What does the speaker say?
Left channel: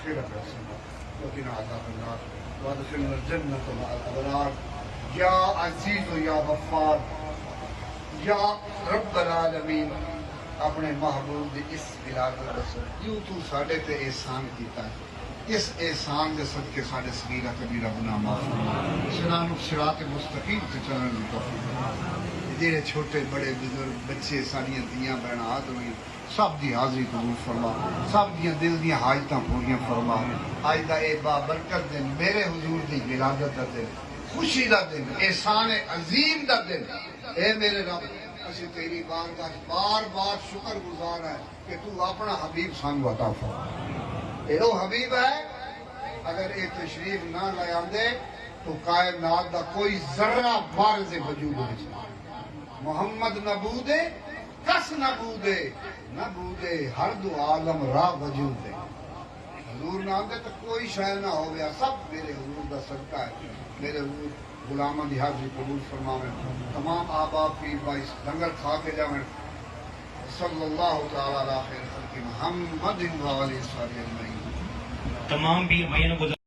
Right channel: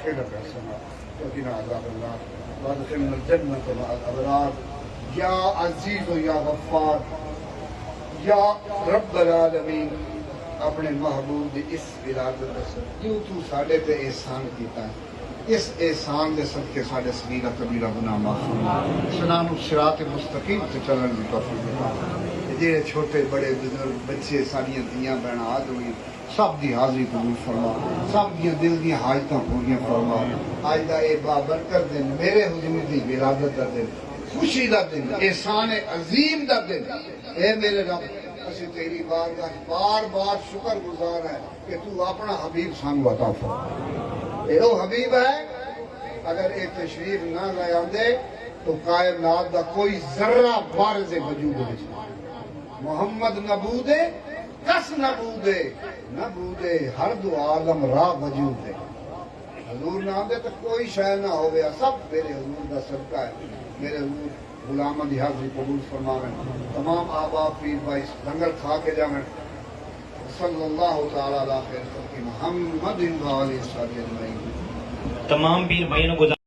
مغفرة حسنة وقنا عذاب النار وادخلنا الجنة مع الأبرار یا عزیز و یا غفار یا رب العالمین اپنے محبوب دی اس ولادت دسو جو تو ساڈے تے احسان کیتا ہے اس احسان دے صدقے ساڈے صغیرہ کبیرہ گناہ معاف فرما اسلام صراط مستقیم تے چلن دی توفیق عطا فرما جڑے چھوٹے بڑے بزرگ بچے ساڈیاں دھیاں بہناں آد ہوئی سب دی حاضری قبول فرما سب دیاں دل دیاں حاجتاں پوریاں فرما اج دا اے بابرکت دن میرے حضور دی ولادت دا دن خوشی دا دن احسان عظیم دا دن اے میرے رب اسی تیری بارگاہ بار بار شکر گزار ہے کہ تو اپنا حبیب سانو عطا فرما اے وہ حبیب ہے اگر اے تشریف نہ لے آندے تو کائنات دا کوئی ذرہ بارز وجود ہو محمد نبودے کس نبودے نبودے ہر دو عالم راہ وجود ہے حضور نہ آندے تو کوئی شے نہ ہو گیا سب میرے حضور دا صدقہ ہے میرے حضور غلامہ دی حاضری قبول فرماویں تمام آبا پیر بھائی لنگر کھا کے جاویں صلی اللہ تعالی علیہ خیر خلق محمد و علیہ وسلم تمام پیر بھائیوں کو